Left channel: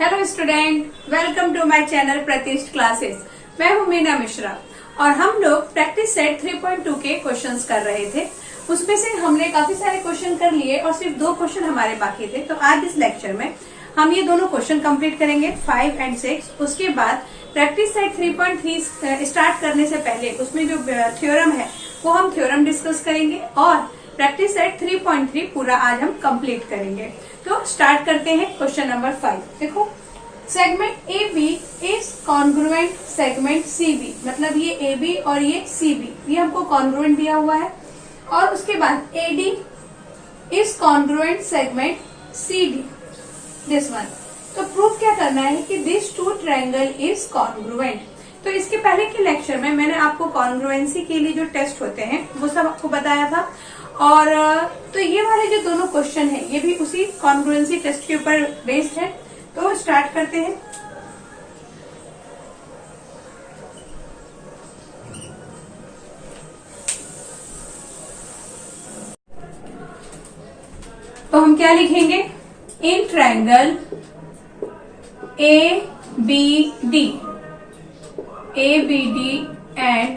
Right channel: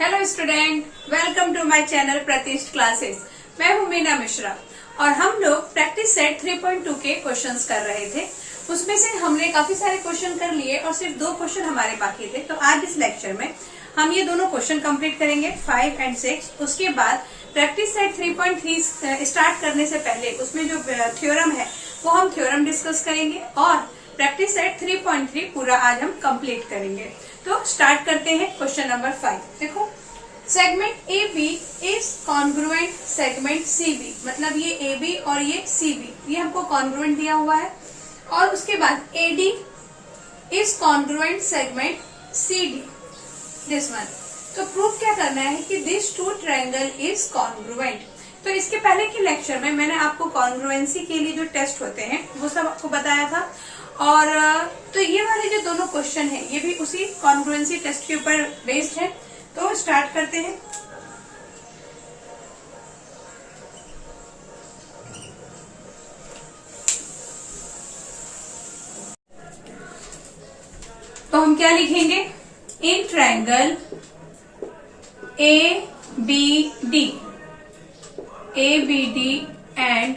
Hello student, welcome to my channel Pratishth classes. मैं हूं मीना मिश्रा और हम लोग प्रैक्टिस सेट 3.2 के क्वेश्चंस कर रहे थे। उसमें से हमने काफी सारे क्वेश्चन कर लिए और सिर्फ 2 क्वेश्चन हमारे बाकी थे। तो आज इस लेक्चर में हम ये दोनों क्वेश्चन कंप्लीट करेंगे 5 और 6। उसके बाद प्रैक्टिस सेट 3.3 स्टार्ट करने से पहले उसमें जो थ्योरम है वो हम थ्योरम डिस्कस करेंगे और प्रैक्टिस सेट 3.3 पूरा आज हम कंप्लीट करेंगे। तो स्टार्ट करते हैं क्वेश्चन नंबर 5। देखो, segment A B is congruent segment C B, मतलब ये ए बी और ये सी बी, ये हमको कॉन्ग्रुएंट दिया हुआ है। और उसके बाद A D is congruent segment C D, this one. तो प्रूफ क्या करना है कि this two triangle is congruent. तो इसके पहले के लेक्चर में मैंने आपको कॉन्ग्रुएंसी के लिए जो टेस्ट होते हैं वो सब आपको बताया था। और तो ये वाले जो दोनों क्वेश्चन है ये भी उसी कॉन्ग्रुएंसी टेस्ट के ऊपर बेस्ड है। तो स्टार्ट करते हैं। तो हम क्या लिखेंगे? In triangle A B D and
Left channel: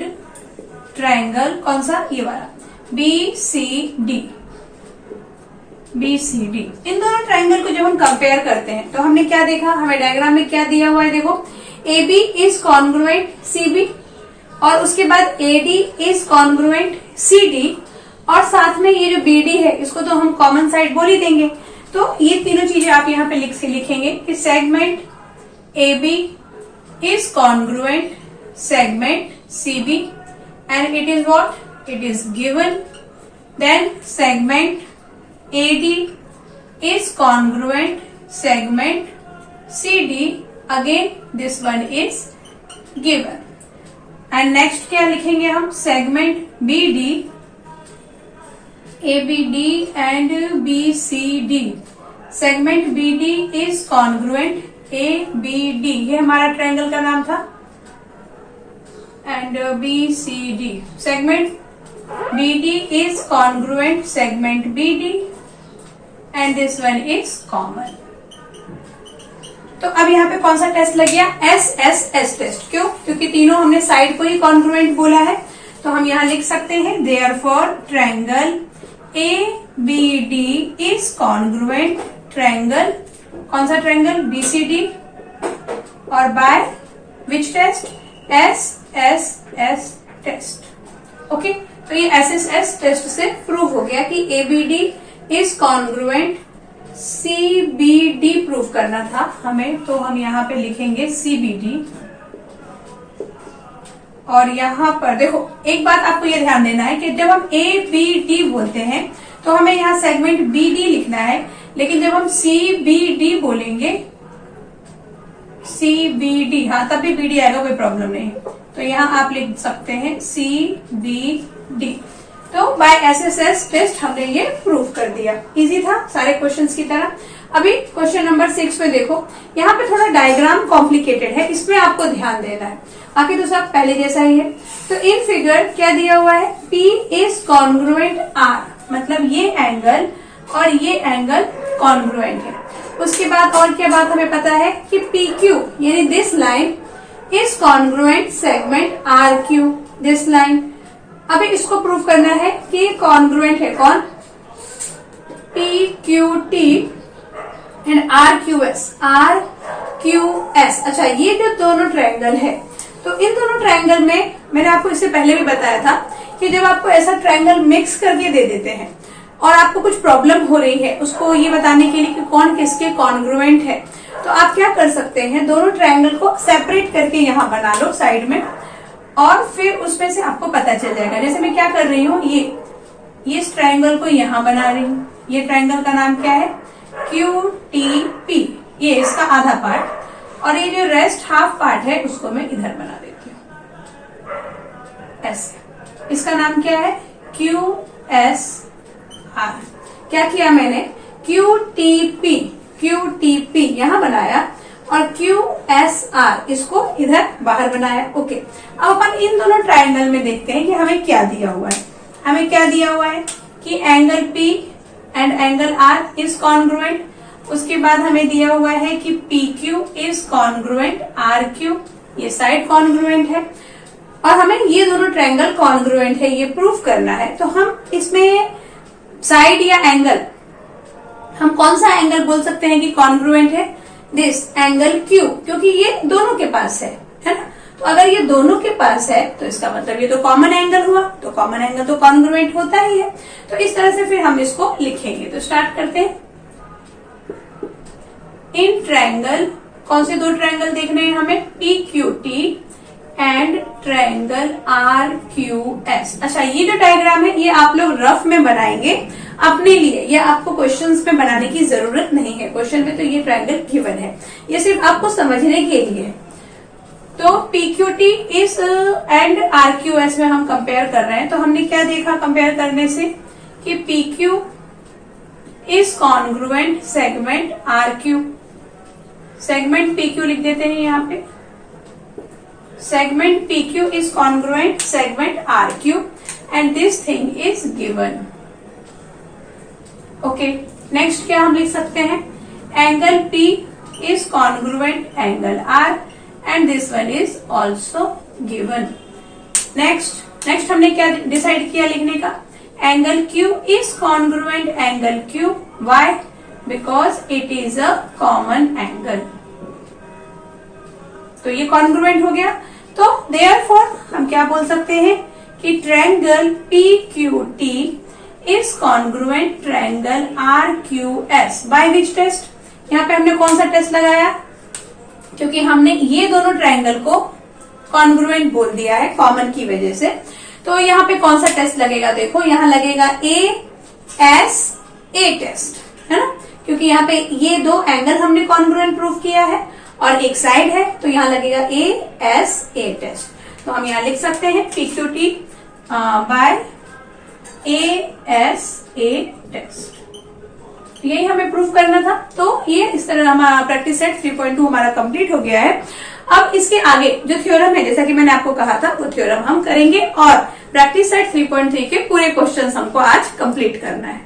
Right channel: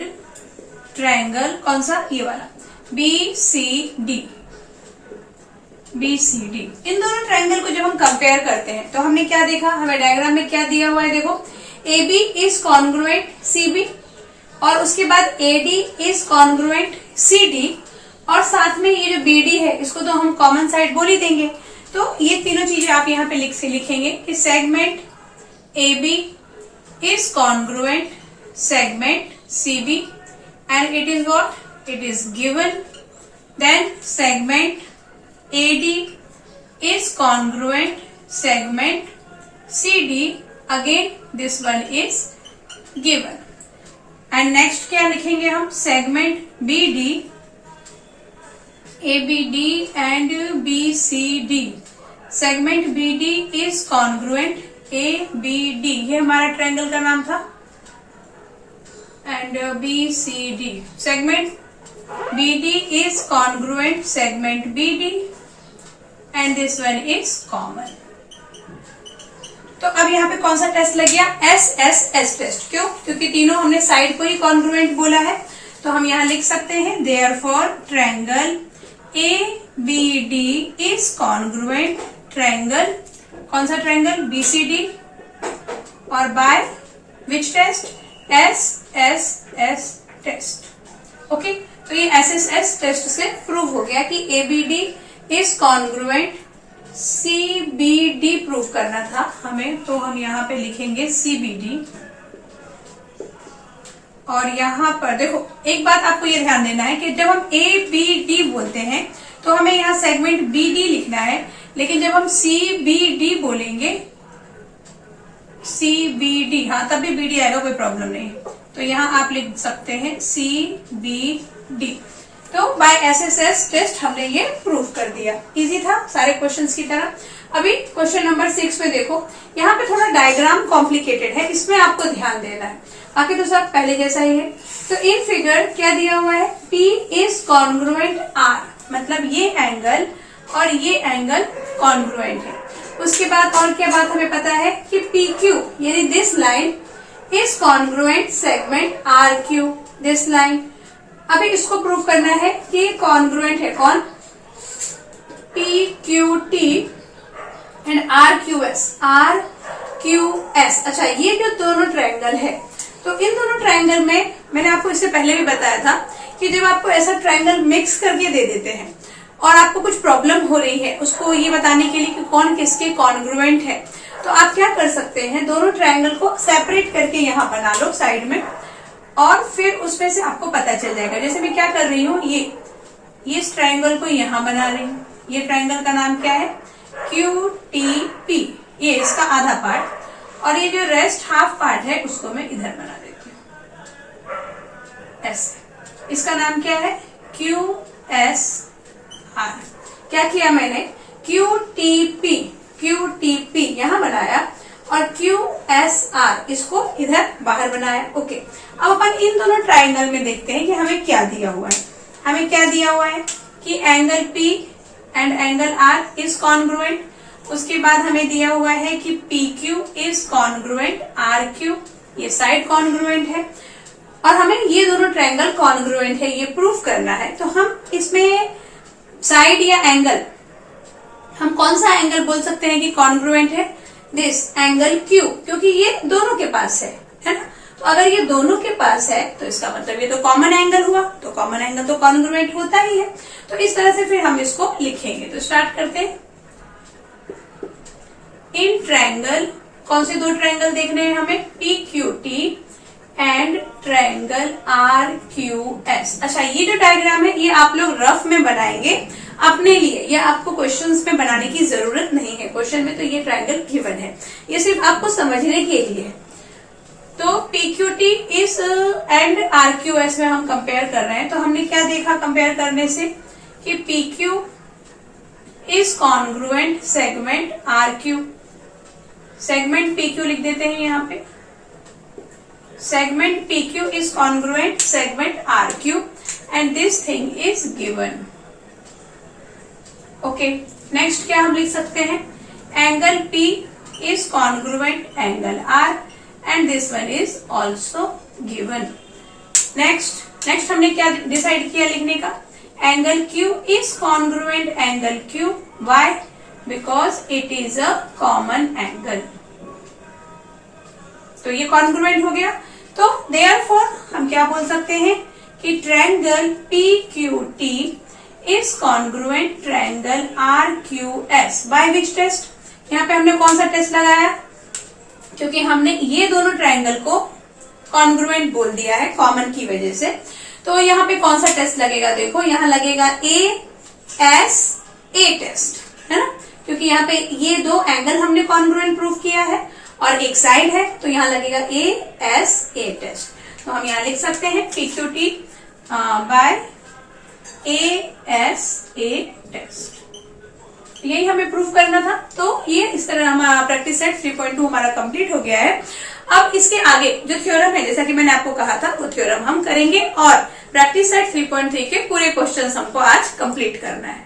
triangle कौन सा? ये वाला बी सी डी। इन दोनों ट्रायंगल को जब हम कंपेयर करते हैं तो हमने क्या देखा? हमें डायग्राम में क्या दिया हुआ है? देखो, A B is congruent C B और उसके बाद A D is congruent C D और साथ में ये जो बी डी है इसको तो हम कॉमन साइड बोल ही देंगे। तो ये तीनों चीजें आप यहाँ पे लिखेंगे कि segment A B is congruent segment CB and it is what? It is given. Then segment AD is congruent segment CD. Again this one is given. And next क्या लिखेंगे हम? segment BD, ABD and BCD. segment BD is congruent ABD, ये हमारा triangle का नाम था। And BCD, segment BD is congruent segment BD and this one is common. तो अब यहाँ पे कौन सा टेस्ट लग गया? SSS test. क्यों? क्योंकि तीनों हमने साइड को ही कॉन्ग्रुएंट बोला है। तो हम यहाँ लिख सकते हैं therefore triangle ABD is congruent triangle, कौन सा ट्रायंगल? BCD। और by which test? SSS test. Okay, तो ये SSS टेस्ट से प्रूव हो गया कि ABD is congruent CBD prove करना था हमें। तो हम यहाँ पे लिखेंगे CBD। और यहाँ पर देखो, एक बात आपको ये ध्यान देना है कि जब हम ABD बोलते हैं तो हमें यहाँ सेगमेंट BD लिखना है, लेकिन जब हम CBD बोलेंगे CBD, हाँ तब भी BD आएगा, कोई प्रॉब्लम नहीं। तो यहाँ आप लिख सकते हैं CBD। तो बाय SSS टेस्ट हमने ये प्रूव कर दिया। इजी था सारे क्वेश्चंस की तरह। अभी क्वेश्चन नंबर 6 में देखो, यहाँ पे थोड़ा डायग्राम कॉम्प्लिकेटेड है, इसमें आपको ध्यान देना है, बाकी तो सब पहले जैसा ही है। तो इन फिगर क्या दिया हुआ है? P इज कॉन्ग्रुएंट R, मतलब ये एंगल और ये एंगल कॉन्ग्रुएंट है। उसके बाद और क्या बात हमें पता है कि PQ यानी this line is congruent segment RQ, this line. अभी इसको प्रूव करना है कि कॉन्ग्रुएंट है कौन? PQT and RQS। अच्छा, ये जो दोनों ट्रायंगल है, तो इन दोनों ट्रायंगल में मैंने आपको इससे पहले भी बताया था कि जब आपको ऐसा ट्रायंगल मिक्स करके दे देते हैं और आपको कुछ प्रॉब्लम हो रही है उसको ये बताने के लिए कि कौन किसके कॉन्ग्रुएंट है, तो आप क्या कर सकते हैं? दोनों ट्रायंगल को सेपरेट करके यहाँ बना लो साइड में और फिर उसमें से आपको पता चल जाएगा। जैसे मैं क्या कर रही हूँ, ये इस ट्रायंगल को यहाँ बना रही हूँ। ये ट्रायंगल का नाम क्या है? QTP, ये इसका आधा पार्ट, और ये जो रेस्ट हाफ पार्ट है उसको मैं इधर बना देती हूँ ऐसे। इसका नाम क्या है? QSR। क्या किया मैंने? QTP यहाँ बनाया और QSR इसको इधर बाहर बनाया। ओके, अब अपन इन दोनों ट्रायंगल में देखते हैं कि हमें क्या दिया हुआ है। हमें क्या दिया हुआ है कि angle P and angle R is congruent. उसके बाद हमें दिया हुआ है कि PQ इज कॉन्ग्रुएंट RQ, ये साइड कॉन्ग्रुएंट है और हमें ये दोनों ट्रायंगल कॉन्ग्रुएंट है ये प्रूफ करना है। तो हम इसमें साइड या एंगल, हम कौन सा एंगल बोल सकते हैं कि कॉन्ग्रुएंट है? दिस एंगल Q, क्योंकि ये दोनों के पास है ना। तो अगर ये दोनों के पास है तो इसका मतलब ये तो कॉमन एंगल हुआ, तो कॉमन एंगल तो कॉन्ग्रुएंट होता ही है। तो इस तरह से फिर हम इसको लिखेंगे। तो स्टार्ट करते हैं। इन ट्रायंगल, कौन से दो ट्रायंगल देखने हैं हमें? PQT and triangle RQS। अच्छा, ये जो डायग्राम है ये आप लोग रफ में बनाएंगे अपने लिए, ये आपको क्वेश्चंस में बनाने की जरूरत नहीं है। क्वेश्चन में तो ये ट्रायंगल गिवन है, ये सिर्फ आपको समझने के लिए। तो PQT इस एंड RQS में हम कंपेयर कर रहे हैं। तो हमने क्या देखा कंपेयर करने से कि PQ is congruent segment RQ, segment PQ लिख देते हैं यहाँ पे। Segment PQ is congruent segment RQ and this thing is given. Okay, next क्या हम लिख सकते हैं? Angle P is congruent angle R and this one is also given. Next हमने क्या डिसाइड किया लिखने का? Angle Q is congruent angle Q। Why? Because it is a common angle. तो ये कॉन्ग्रुएंट हो गया। तो देयरफॉर हम क्या बोल सकते हैं कि triangle PQT is congruent triangle RQS। By which test? यहाँ पे हमने कौन सा टेस्ट लगाया? क्योंकि हमने ये दोनों ट्रायंगल को कॉन्ग्रुएंट बोल दिया है कॉमन की वजह से। तो यहाँ पे कौन सा टेस्ट लगेगा? देखो यहाँ लगेगा ASA टेस्ट, है ना, क्योंकि यहाँ पे ये दो एंगल हमने कॉन्ग्रुएंट प्रूव किया है और एक साइड है, तो यहाँ लगेगा ASA टेस्ट। तो हम यहाँ लिख सकते हैं PQT बाय ASA टेस्ट। यही हमें प्रूफ करना था। तो ये इस तरह हमारा प्रैक्टिस सेट 3.2 हमारा कंप्लीट हो गया है। अब इसके आगे जो थ्योरम है, जैसा कि मैंने आपको कहा था, वो थ्योरम हम करेंगे और प्रैक्टिस सेट 3.3 के पूरे क्वेश्चंस हमको आज कंप्लीट करना है।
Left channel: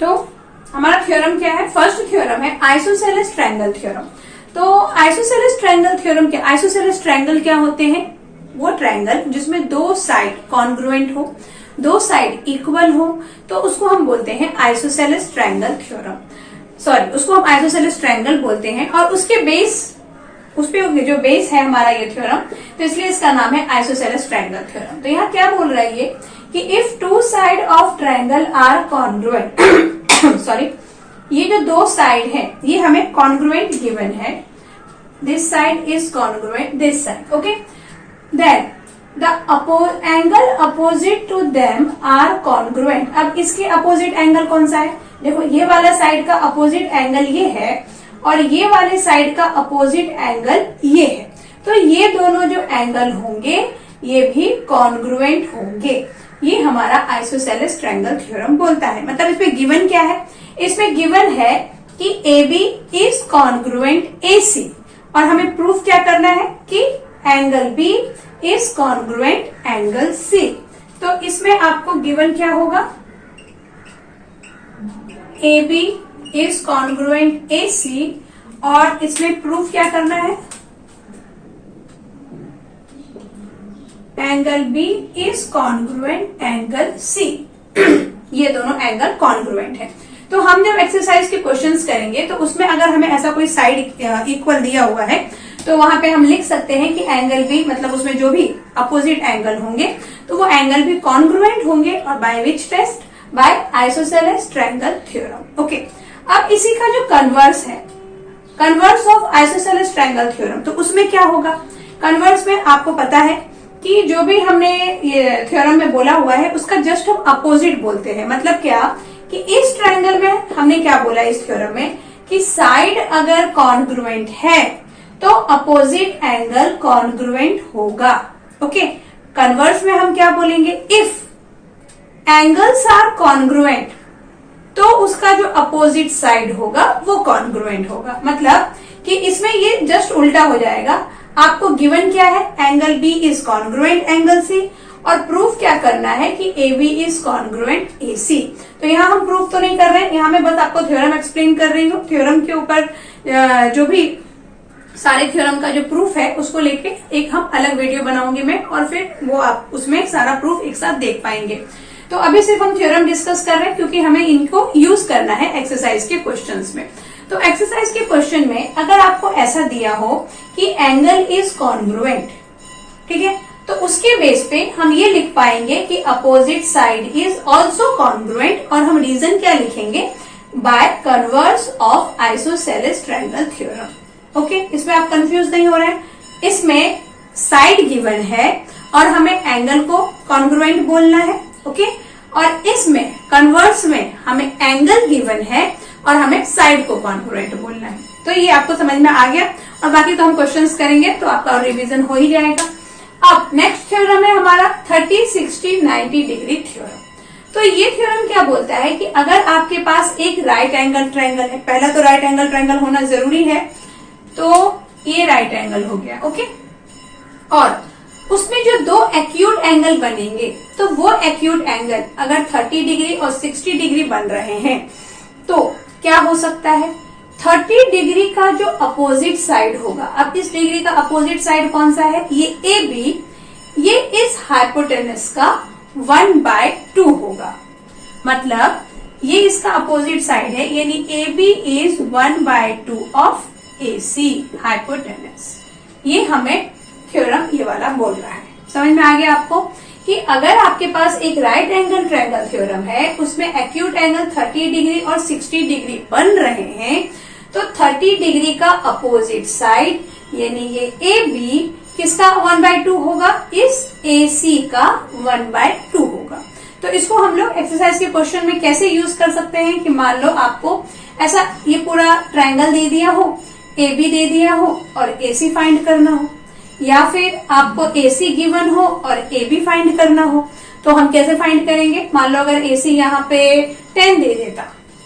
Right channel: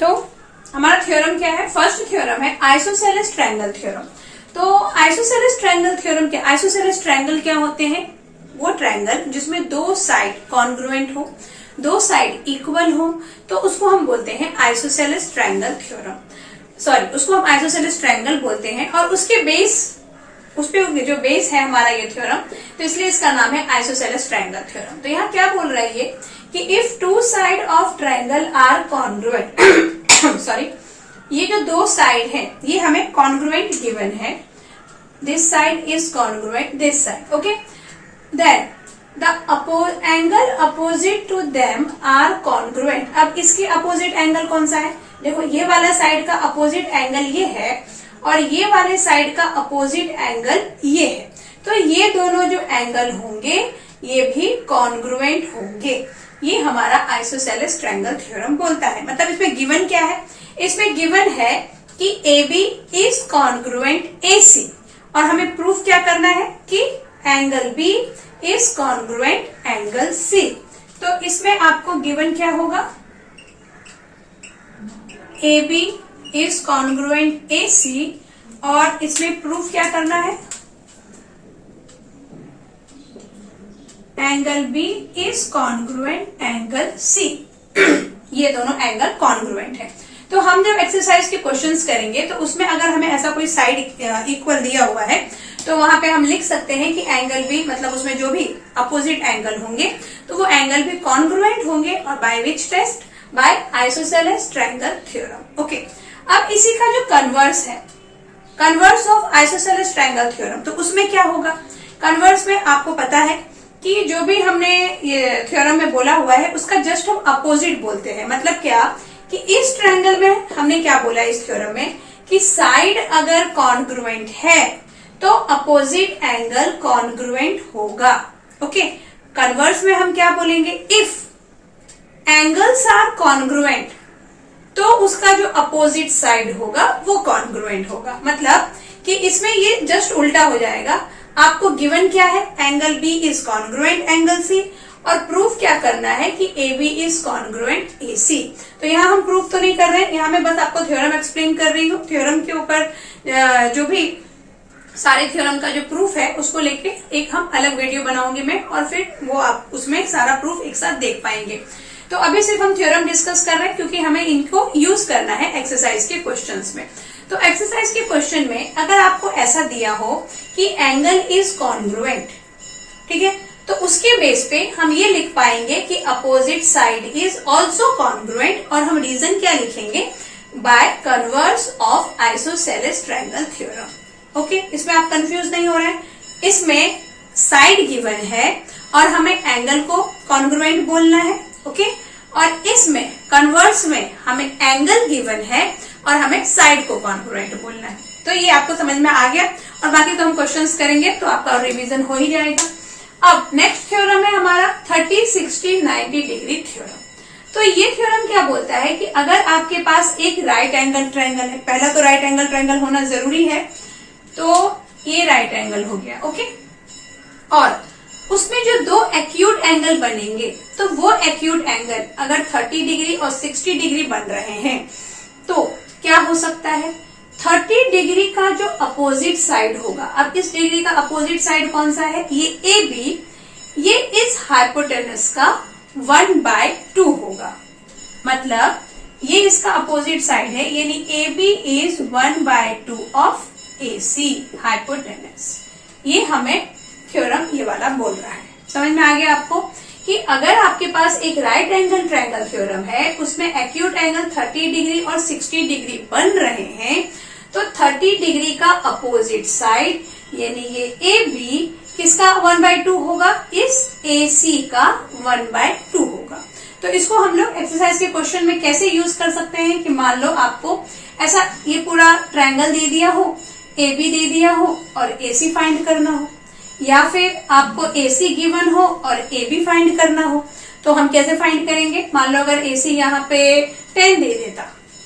तो हमारा थ्योरम क्या है? फर्स्ट थ्योरम है आइसोसेलेस ट्रायंगल थ्योरम। तो आइसोसेलेस ट्रायंगल थ्योरम क्या? आइसोसेलेस ट्रायंगल क्या होते हैं? वो ट्रायंगल जिसमें दो साइड कॉन्ग्रुएंट हो, दो साइड इक्वल हो, तो उसको हम बोलते हैं आइसोसेलेस ट्रायंगल थ्योरम। सॉरी, उसको हम आइसोसेलेस ट्रायंगल बोलते हैं। और उसके बेस, उस पे जो बेस है हमारा ये थ्योरम, तो इसलिए इसका नाम है आइसोसेलेस ट्रायंगल थ्योरम। तो यहाँ क्या बोल रहा है ये कि if two side of triangle are congruent sorry, ये जो दो साइड है ये हमें कॉन्ग्रुएंट गिवन है। This side is congruent this side. Okay, then the angle opposite to them are congruent. अब इसके अपोजिट एंगल कौन सा है? देखो, ये वाला साइड का अपोजिट एंगल ये है और ये वाले साइड का अपोजिट एंगल ये है। तो ये दोनों जो एंगल होंगे ये भी कॉन्ग्रुएंट होंगे। ये हमारा आइसोसेलेस ट्रायंगल थ्योरम बोलता है। मतलब इसमें गिवन क्या है? इसमें गिवन है कि AB इज कॉन्ग्रुएंट AC और हमें प्रूफ क्या करना है कि angle B is congruent angle C। तो इसमें आपको गिवन क्या होगा? AB इज कॉन्ग्रुएंट AC और इसमें प्रूफ क्या करना है? Angle B is congruent angle C। ये दोनों एंगल कॉन्ग्रुएंट है। तो हम जब एक्सरसाइज के क्वेश्चंस करेंगे तो उसमें अगर हमें ऐसा कोई साइड इक्वल दिया हुआ है तो वहां पे हम लिख सकते हैं कि एंगल भी, मतलब उसमें जो भी अपोजिट एंगल होंगे तो वो एंगल भी कॉन्ग्रुएंट होंगे। और by which test? By isosceles triangle theorem. Okay, अब इसी का जो कन्वर्स है, converse of isosceles triangle theorem, तो उसमें क्या होगा? कन्वर्स में आपको पता है कि जो भी हमने ये थ्योरम में बोला हुआ है उसका जस्ट हम अपोजिट बोलते हैं। मतलब क्या कि इस ट्रायंगल में हमने क्या बोला इस थ्योरम में कि साइड अगर कॉन्ग्रुएंट है तो अपोजिट एंगल कॉन्ग्रुएंट होगा। ओके, कन्वर्स में हम क्या बोलेंगे? इफ एंगल्स आर कॉन्ग्रुएंट तो उसका जो अपोजिट साइड होगा वो कॉन्ग्रुएंट होगा। मतलब कि इसमें ये जस्ट उल्टा हो जाएगा। आपको गिवन क्या है, angle B is congruent angle C, और प्रूफ क्या करना है कि A B is congruent A C. तो यहाँ हम प्रूफ तो नहीं कर रहे हैं, यहाँ मैं बस आपको थ्योरम एक्सप्लेन कर रही हूँ। थ्योरम के ऊपर जो भी सारे थ्योरम का जो प्रूफ है उसको लेके एक हम अलग वीडियो बनाऊंगी मैं, और फिर वो आप उसमें सारा प्रूफ एक साथ देख पाएंगे। तो अभी सिर्फ हम थ्योरम डिस्कस कर रहे हैं क्योंकि हमें इनको यूज करना है एक्सरसाइज के क्वेश्चंस में। तो एक्सरसाइज के क्वेश्चन में अगर आपको ऐसा दिया हो कि एंगल इज कॉन्ग्रुएंट, ठीक है, तो उसके बेस पे हम ये लिख पाएंगे कि opposite side is also congruent, और हम रीजन क्या लिखेंगे, by converse of isosceles triangle theorem. Okay, इसमें आप कंफ्यूज नहीं हो रहे हैं। इसमें साइड गिवन है और हमें एंगल को कॉन्ग्रुएंट बोलना है। ओके, और इसमें कन्वर्स में हमें एंगल गिवन है और हमें साइड को कॉन्ग्रुएंट बोलना है। तो ये आपको समझ में आ गया, और बाकी तो हम क्वेश्चंस करेंगे तो आपका रिवीजन हो ही जाएगा। अब नेक्स्ट थ्योरम है हमारा 30, 60, 90 डिग्री थ्योरम। तो ये थ्योरम क्या बोलता है कि अगर आपके पास एक राइट एंगल ट्रायंगल है, पहला तो राइट एंगल ट्रायंगल होना जरूरी है, तो ये राइट एंगल हो गया। ओके, और उसमें जो दो एक्यूट एंगल बनेंगे, तो वो एक्यूट एंगल अगर 30 डिग्री और 60 डिग्री बन रहे हैं तो क्या हो सकता है, 30 डिग्री का जो अपोजिट साइड होगा, अब इस डिग्री का अपोजिट साइड कौन सा है, ये ए बी, ये इस हाइपोटेनस का 1/2 होगा। मतलब ये इसका अपोजिट साइड है, यानी A B is 1/2 of A C hypotenuse. ये हमें थ्योरम ये वाला बोल रहा है। समझ में आ गया आपको कि अगर आपके पास एक राइट एंगल ट्रायंगल थ्योरम है, उसमें एक्यूट एंगल 30 डिग्री और 60 डिग्री बन रहे हैं, तो 30 डिग्री का अपोजिट साइड यानी ये ए बी किसका 1/2 होगा, इस ए सी का 1/2 होगा। तो इसको हम लोग एक्सरसाइज के क्वेश्चन में कैसे यूज कर सकते हैं कि मान लो आपको ऐसा ये पूरा ट्रायंगल दे दिया हो, ए बी दे दिया हो और ए सी फाइंड करना हो, या फिर आपको ए सी गिवन हो और ए बी फाइंड करना हो, तो हम कैसे फाइंड करेंगे। मान लो अगर ए सी यहाँ पे 10 दे देता,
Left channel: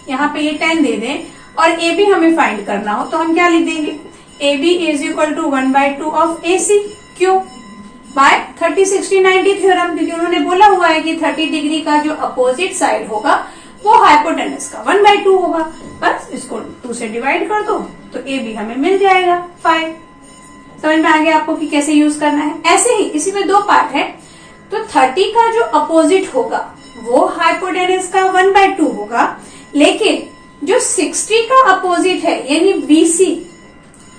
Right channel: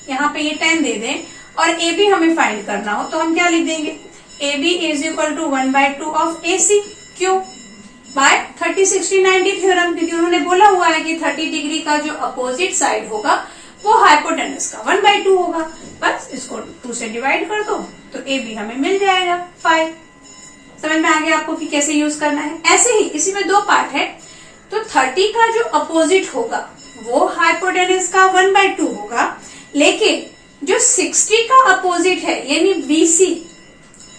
यहाँ पे ये 10 दे दे और ए बी हमें फाइंड करना हो, तो हम क्या लिख देंगे, A B is equal to 1/2 of A C. क्यों, बाय 30, 60, 90 थ्योरम, क्योंकि उन्होंने बोला हुआ है कि 30 डिग्री का जो अपोजिट साइड होगा वो हाइपोटेनस का 1/2 होगा। बस इसको 2 से डिवाइड कर दो तो ए बी हमें मिल जाएगा 5। समझ में आ गया आपको कि कैसे यूज करना है। ऐसे ही इसी में 2 पार्ट है, तो 30 का जो अपोजिट होगा वो हाइपोटेनस का 1/2 होगा, लेकिन जो 60 का अपोजिट है यानी BC,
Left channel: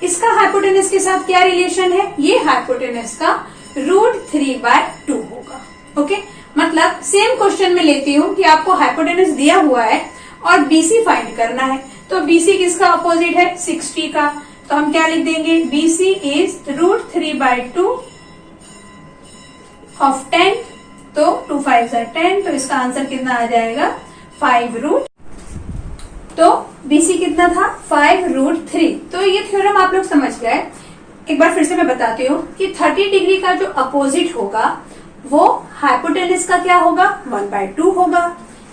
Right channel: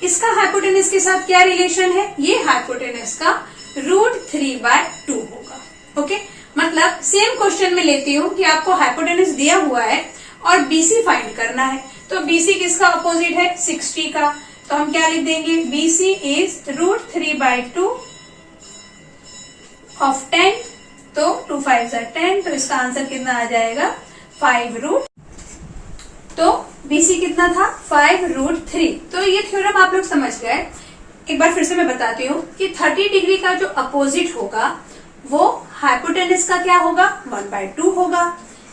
इसका हाइपोटेनस के साथ क्या रिलेशन है, ये हाइपोटेनस का √3/2 होगा। ओके, मतलब सेम क्वेश्चन में लेती हूँ कि आपको हाइपोटेनस दिया हुआ है और BC फाइंड करना है, तो BC किसका अपोजिट है, 60 का, तो हम क्या लिख देंगे, BC इज √3/2 ऑफ 10, तो 2 5 are 10, तो इसका आंसर कितना आ जाएगा 5√, तो BC कितना था 5√3। तो ये थ्योरम आप लोग समझ गए। एक बार फिर से मैं बताती हूँ कि 30 डिग्री का जो अपोजिट होगा वो हाइपोटेनस का क्या होगा, 1/2 होगा।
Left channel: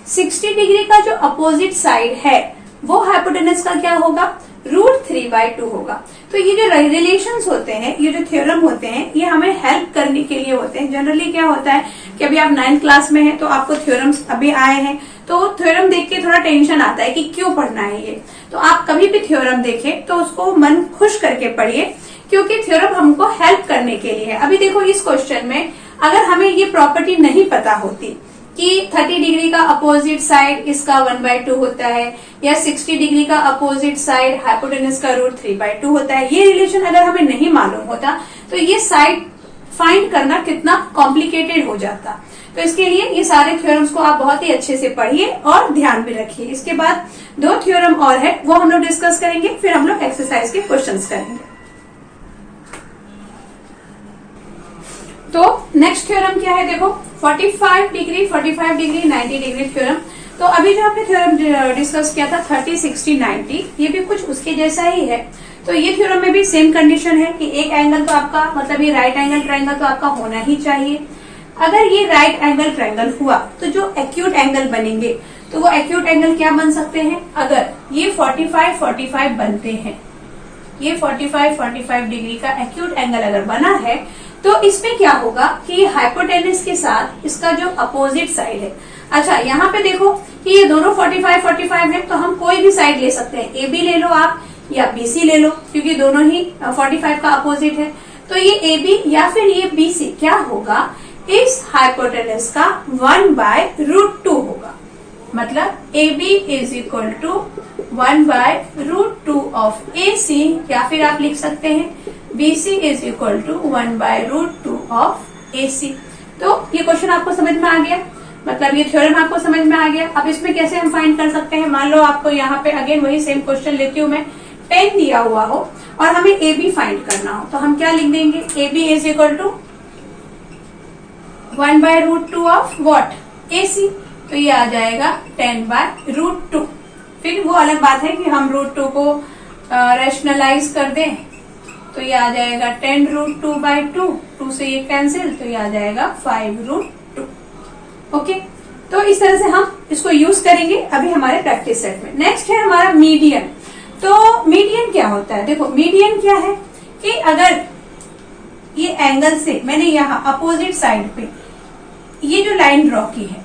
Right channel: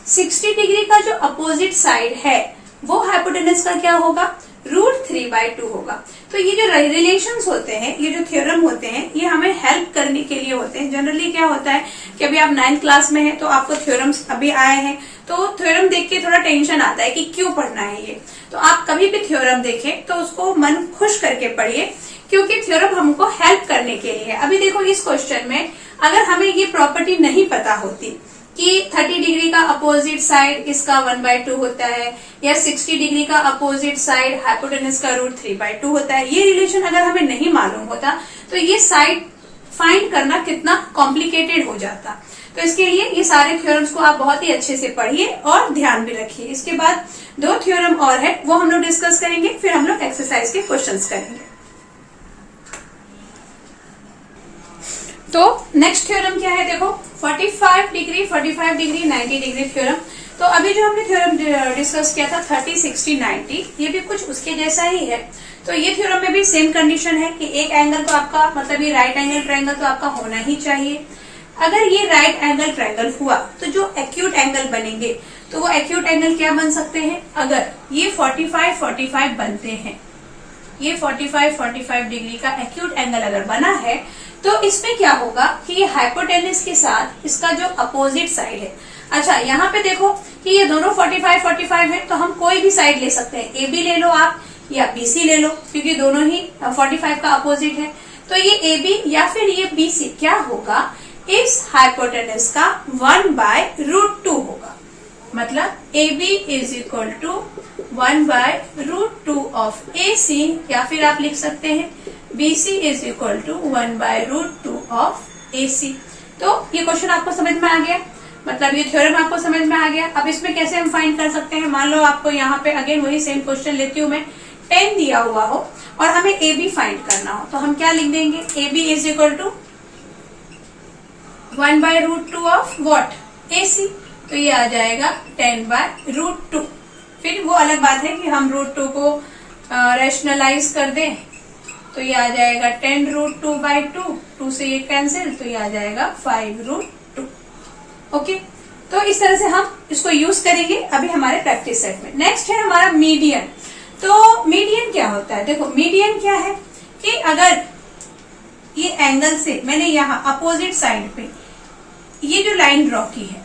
60 डिग्री का जो अपोजिट साइड है वो हाइपोटेनस का क्या होगा, √3/2 होगा। तो ये जो रिलेशंस होते हैं, ये जो थ्योरम होते हैं, ये हमें हेल्प करने के लिए होते हैं। जनरली क्या होता है कि अभी आप 9th क्लास में हैं तो आपको थ्योरम्स अभी आए हैं, तो थ्योरम देख के थोड़ा टेंशन आता है कि क्यों पढ़ना है ये। तो आप कभी भी थ्योरम देखें तो उसको मन खुश करके पढ़िए, क्योंकि थ्योरम हमको हेल्प करने के लिए है। अभी देखो इस क्वेश्चन में अगर हमें ये प्रॉपर्टी नहीं पता होती कि 30 डिग्री का अपोजिट साइड इसका 1/2 होता है या 60 डिग्री का अपोजिट साइड हाइपोटेनस का √3/2 होता है, ये रिलेशन अगर हमें नहीं मालूम होता तो ये साइड फाइंड करना कितना कॉम्प्लिकेटेड हो जाता। तो इसके लिए ये सारे थ्योरम्स को आप बहुत ही अच्छे से पढ़िए और ध्यान भी रखिए। इसके बाद 2 थ्योरम और है, वो हम लोग डिस्कस करेंगे, फिर हम लोग एक्सरसाइज के क्वेश्चंस करेंगे। तो नेक्स्ट थ्योरम क्या है, देखो 45 डिग्री 90 डिग्री थ्योरम। तो अभी जो हमने थ्योरम डिस्कस किया था 30, 60, 90, ये भी कुछ उसके जैसा ही है। तो ये थ्योरम में भी सेम कंडीशन है कि एक एंगल तो आपका, मतलब ये राइट एंगल ट्रायंगल तो आपका होना ही चाहिए। अगर ये राइट एंगल ट्रायंगल हुआ तो जो एक्यूट एंगल बनेंगे, तो वो एक्यूट एंगल क्या बन सकते हैं, अगर ये 45 बनते हैं ये 45 डिग्री का एक्यूट एंगल अगर बना है तो इसमें क्या होगा कि ये हाइपोटेनस के साथ इसका जो अपोजिट साइड है, अच्छा यहाँ पे देखो कि ये दोनों 45 है, तो हम कोई भी साइड ले सकते हैं, ए बी ले लो आप या बी सी ले लो, क्योंकि दोनों ही 45 का अपोजिट है। तो ये ए बी या फिर ये बी सी क्या होगा, इस हाइपोटेनस का 1/√2 होगा। मतलब A B is equal to 1/√2 of A C, या फिर आप लिख सकते हैं B C is equal to 1/√2 of A C. तो ये क्वेश्चन आपको समझ में आ गया, मतलब ये थ्योरम आपको समझ में आ गया। अब इसमें कैसे हम फाइंड कर सकते हैं, मान लो आपको यहाँ पे अगेन वही सेम क्वेश्चन लेती हूँ मैं, 10 दिया हुआ हो और हमें ए बी फाइंड करना हो, तो हम क्या लिख देंगे, A B is equal to 1/√2 of what, A C. तो ये आ जाएगा 10/√2। फिर वो अलग बात है कि हम √2 को रैशनलाइज कर दें, तो ये आ जाएगा 10√2/2, 2 से ये कैंसिल, तो ये आ जाएगा 5√2। ओके, तो इस तरह से हम इसको यूज करेंगे अभी हमारे प्रैक्टिस सेट में। नेक्स्ट है हमारा मीडियन। तो मीडियन क्या होता है, देखो मीडियन क्या है कि अगर ये एंगल से मैंने यहाँ अपोजिट साइड पे ये जो लाइन ड्रॉ की है,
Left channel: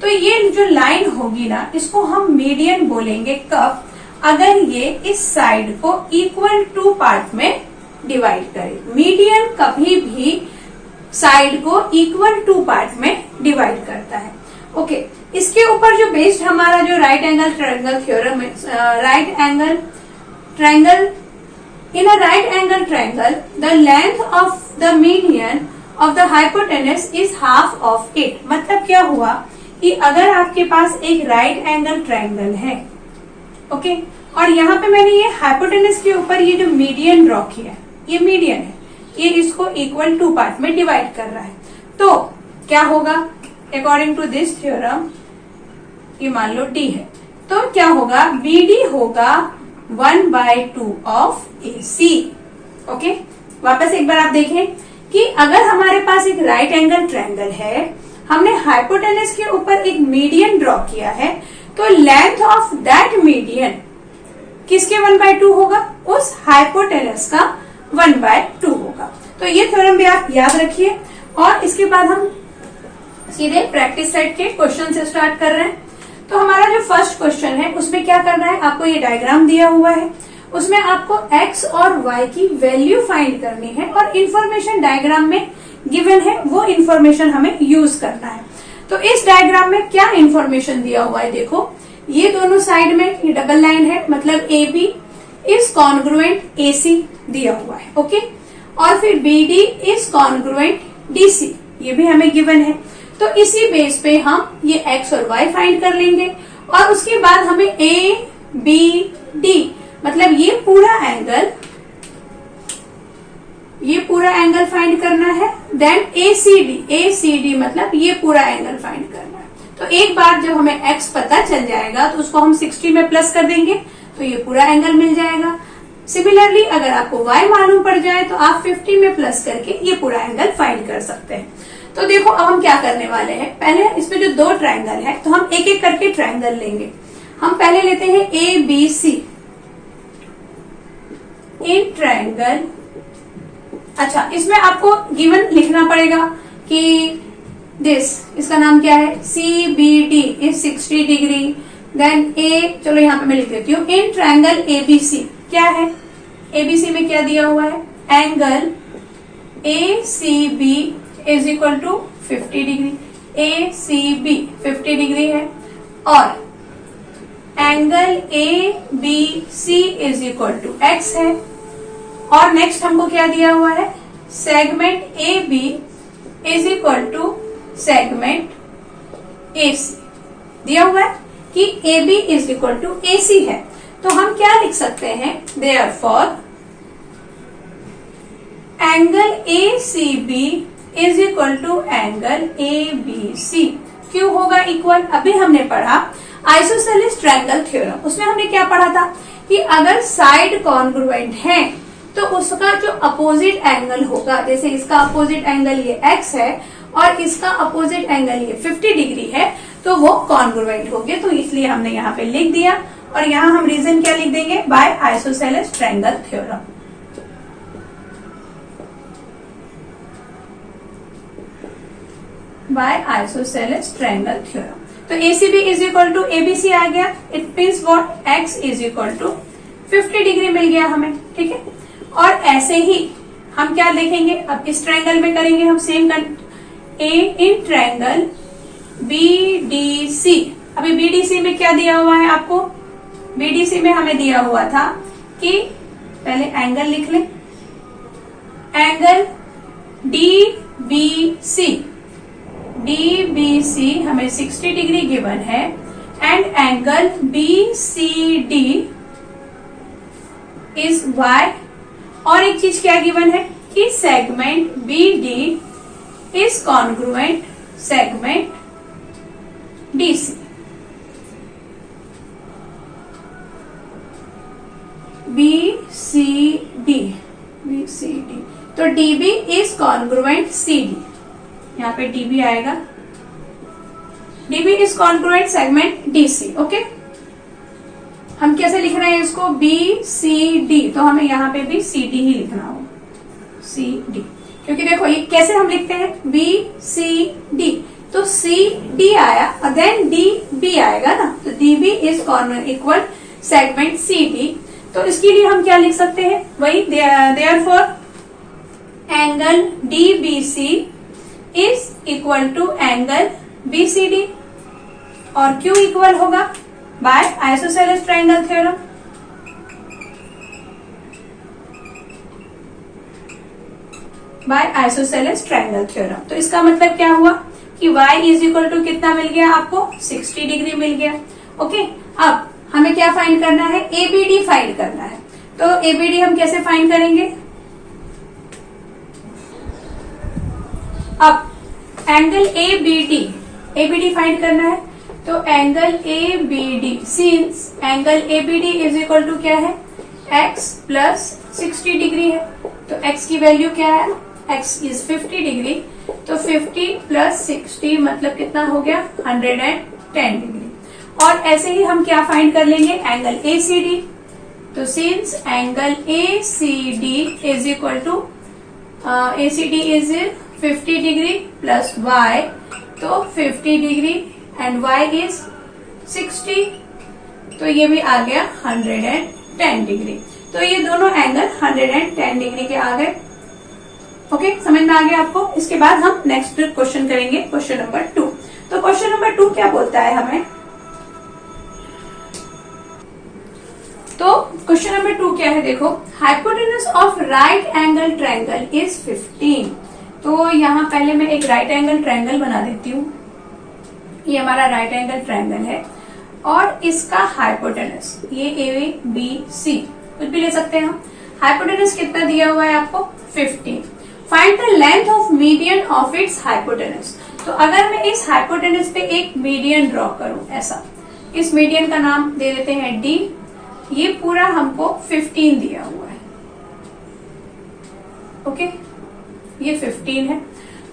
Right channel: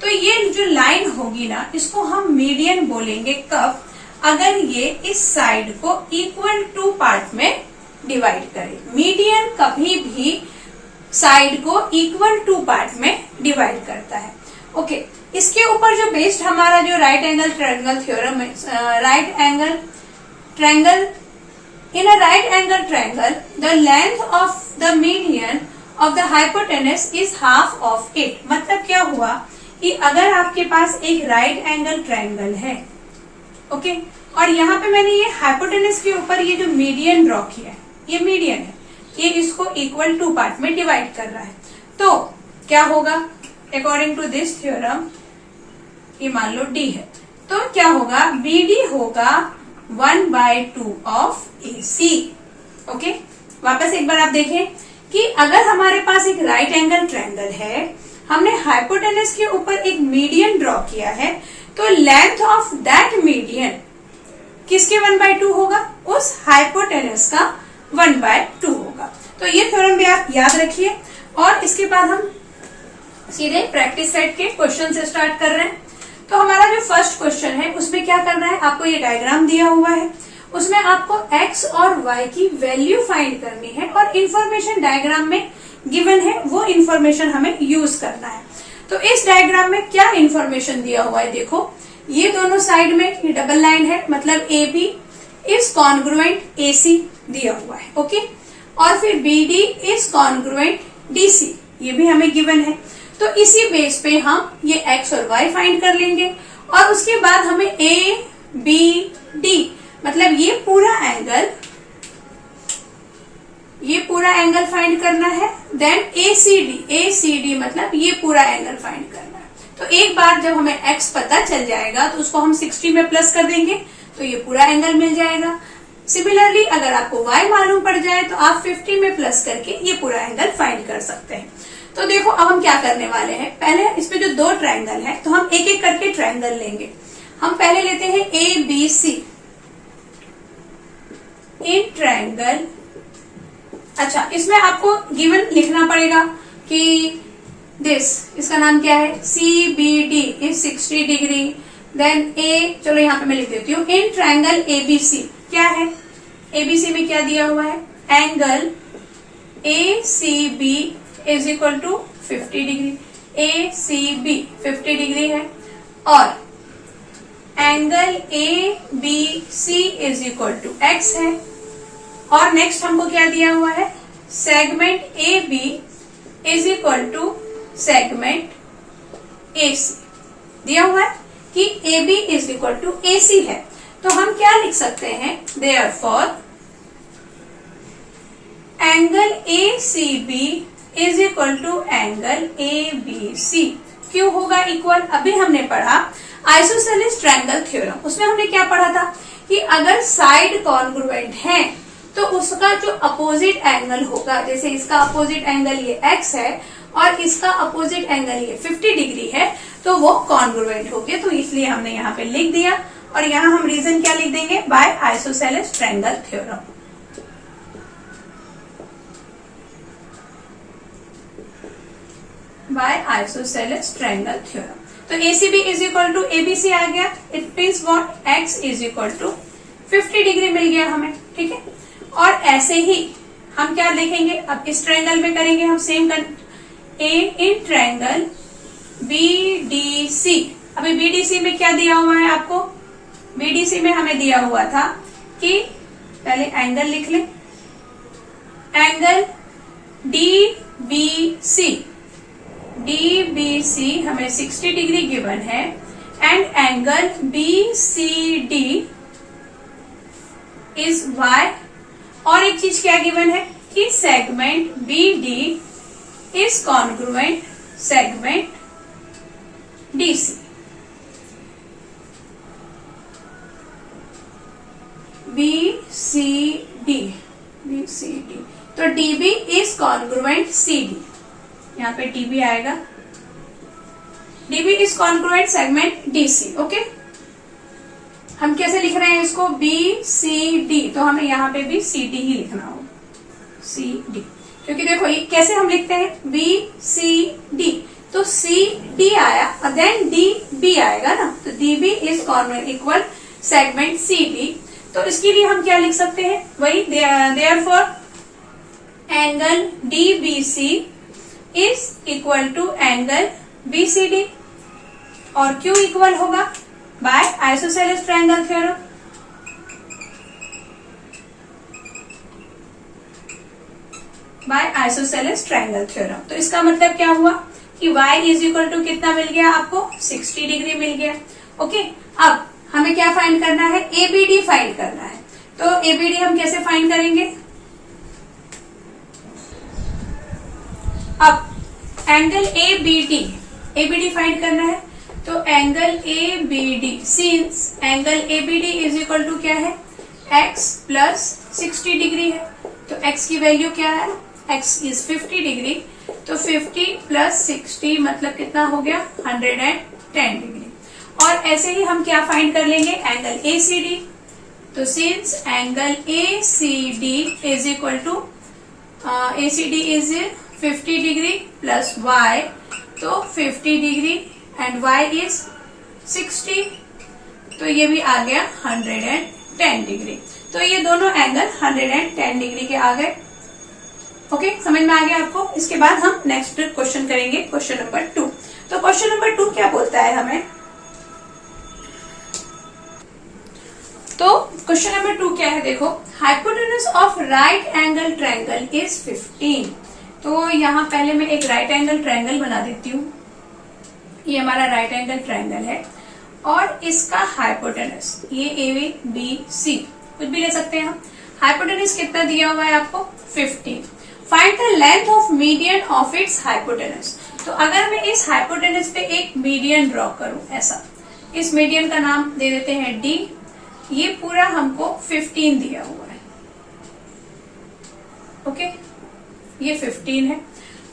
तो ये जो लाइन होगी ना, इसको हम मीडियन बोलेंगे कब, अगर ये इस साइड को इक्वल टू पार्ट में डिवाइड करे। मीडियन कभी भी साइड को इक्वल टू पार्ट में डिवाइड करता है। ओके, इसके ऊपर जो बेस्ड हमारा जो राइट एंगल ट्रायंगल थ्योरम है, right angle triangle, in a right angle triangle the length of the median of the hypotenuse is half of it. मतलब क्या हुआ कि अगर आपके पास एक राइट एंगल ट्रायंगल है, ओके, और यहाँ पे मैंने ये हाइपोटेनस के ऊपर ये जो मीडियन ड्रॉ किया है, ये मीडियन है, ये इसको इक्वल टू पार्ट में डिवाइड कर रहा है, तो क्या होगा, अकॉर्डिंग टू दिस थ्योरम, ये मान लो डी है, तो क्या होगा, बी डी होगा 1/2 ऑफ ए सी। ओके, वापस एक बार आप देखें कि अगर हमारे पास एक राइट एंगल ट्रायंगल है, हमने हाइपोटेनस के ऊपर एक मीडियन ड्रॉ किया है, तो लेंथ ऑफ दैट मीडियन किसके 1/2 होगा, उस हाइपोटेनस का 1/2 होगा। तो ये थ्योरम भी आप याद रखिए। और इसके बाद हम सीधे प्रैक्टिस सेट के क्वेश्चन से स्टार्ट कर रहे हैं। तो हमारा जो फर्स्ट क्वेश्चन है उसमें क्या करना है, आपको ये डायग्राम दिया हुआ है, उसमें आपको x और y की वैल्यू फाइंड करनी है और इन्फॉर्मेशन डायग्राम में गिवन है, वो इन्फॉर्मेशन हमें यूज करना है। तो इस डायग्राम में क्या इन्फॉर्मेशन दिया हुआ है, देखो ये दोनों साइड में ये डबल लाइन है, मतलब A B is congruent A C दिया हुआ है। ओके, और फिर B D is congruent D C, ये भी हमें गिवन है। तो इसी बेस पे हम ये x और y फाइंड कर लेंगे और उसके बाद हमें ए बी डी, मतलब ये पूरा एंगल फाइंड करना है। देन ए सी डी मतलब ये पूरा एंगल फाइंड करना है। तो एक बार जब हमें x पता चल जाएगा तो उसको हम 60 में प्लस कर देंगे, तो ये पूरा एंगल मिल जाएगा। सिमिलरली अगर आपको y मालूम पड़ जाए तो आप 50 में प्लस करके ये पूरा एंगल फाइंड कर सकते हैं। तो देखो अब हम क्या करने वाले हैं, पहले इसमें जो दो ट्रायंगल है तो हम एक एक करके ट्रायंगल लेंगे। हम पहले लेते हैं ए बी सी इन ट्रायंगल। अच्छा, इसमें आपको गिवन लिखना पड़ेगा कि इसका नाम क्या है, C B D is 60 degree. Then A, चलो यहाँ पे मैं लिख देती हूँ, इन ट्रायंगल एबीसी क्या है, एबीसी में क्या दिया हुआ है, angle A C B is equal to 50 degree, A C B 50 degree है, और angle A B C is equal to X है। और नेक्स्ट हमको क्या दिया हुआ है, segment A B is equal to segment A C दिया हुआ है कि A B is equal to A C है। तो हम क्या लिख सकते हैं, therefore angle A C B is equal to angle A B C. क्यों होगा इक्वल, अभी हमने पढ़ा आइसोसेलेस ट्रायंगल थ्योरम, उसमें हमने क्या पढ़ा था कि अगर साइड कॉन्ग्रुएंट है तो उसका जो अपोजिट एंगल होगा, जैसे इसका अपोजिट एंगल ये x है और इसका अपोजिट एंगल ये 50 डिग्री है, तो वो कॉन्ग्रुएंट हो गया, तो इसलिए हमने यहाँ पे लिख दिया। और यहाँ हम रीजन क्या लिख देंगे, by isosceles triangle theorem. By isosceles triangle theorem. तो ACB is equal to ABC आ गया, it means what, X is equal to 50 degree मिल गया हमें, ठीक है। और ऐसे ही हम क्या लिखेंगे, अब इस ट्रायंगल में करेंगे हम same, A in triangle BDC। अभी BDC में क्या दिया हुआ है आपको, BDC में हमें दिया हुआ था कि पहले एंगल लिख लें, एंगल DBC हमें 60 डिग्री गिवन है, and angle BCD is Y। और एक चीज क्या गिवन है कि segment BD is congruent segment DC। BCD, तो DB इज कॉन्ग्रुएंट CD, यहाँ पे DB आएगा, DB is congruent segment DC। Okay, हम कैसे लिख रहे हैं इसको, BCD, तो हमें यहाँ पे भी CD ही लिखना होगा, CD, क्योंकि देखो ये कैसे हम लिखते हैं, BCD, तो CD आया, देन DB आएगा ना, तो DB is equal segment CD। तो इसके लिए हम क्या लिख सकते हैं, वही therefore angle DBC is equal to angle BCD, और क्यों इक्वल होगा, by isosceles triangle theorem. By isosceles triangle theorem. तो इसका मतलब क्या हुआ कि y इज इक्वल टू कितना मिल गया आपको, 60 डिग्री मिल गया। ओके, अब हमें क्या फाइंड करना है, ABD फाइंड करना है। तो ABD हम कैसे फाइंड करेंगे, अब एंगल ABD फाइंड करना है, तो angle ABD, since angle ABD is equal to क्या है, x प्लस 60 डिग्री है, तो x की वैल्यू क्या है, x इज 50 डिग्री, तो 50 प्लस 60 मतलब कितना हो गया, 110 डिग्री। और ऐसे ही हम क्या फाइंड कर लेंगे, एंगल ACD, तो since angle ACD is equal to ACD is 50 degree plus y, तो 50 डिग्री एंड y इज 60, तो ये भी आ गया 110 डिग्री। तो ये दोनों एंगल 110 डिग्री के आ गए। ओके, समझ में आ गया आपको। इसके बाद हम नेक्स्ट क्वेश्चन करेंगे, क्वेश्चन नंबर 2। तो क्वेश्चन नंबर 2 क्या बोलता है हमें, तो क्वेश्चन नंबर 2 क्या है, देखो, hypotenuse of right angle triangle is 15। तो यहाँ पहले मैं एक राइट एंगल ट्रायंगल बना देती हूँ, ये हमारा राइट एंगल ट्रायंगल है, और इसका हाइपोटेनस ये ABC कुछ भी ले सकते हैं हम। हाइपोटेनस कितना दिया हुआ है आपको, 15। Find the length of median of its hypotenuse. तो अगर मैं इस हाइपोटेनस पे एक मीडियन ड्रॉ करूं, ऐसा, इस मीडियन का नाम दे देते हैं D, ये पूरा हमको 15 दिया हुआ है। ओके, ये 15 है,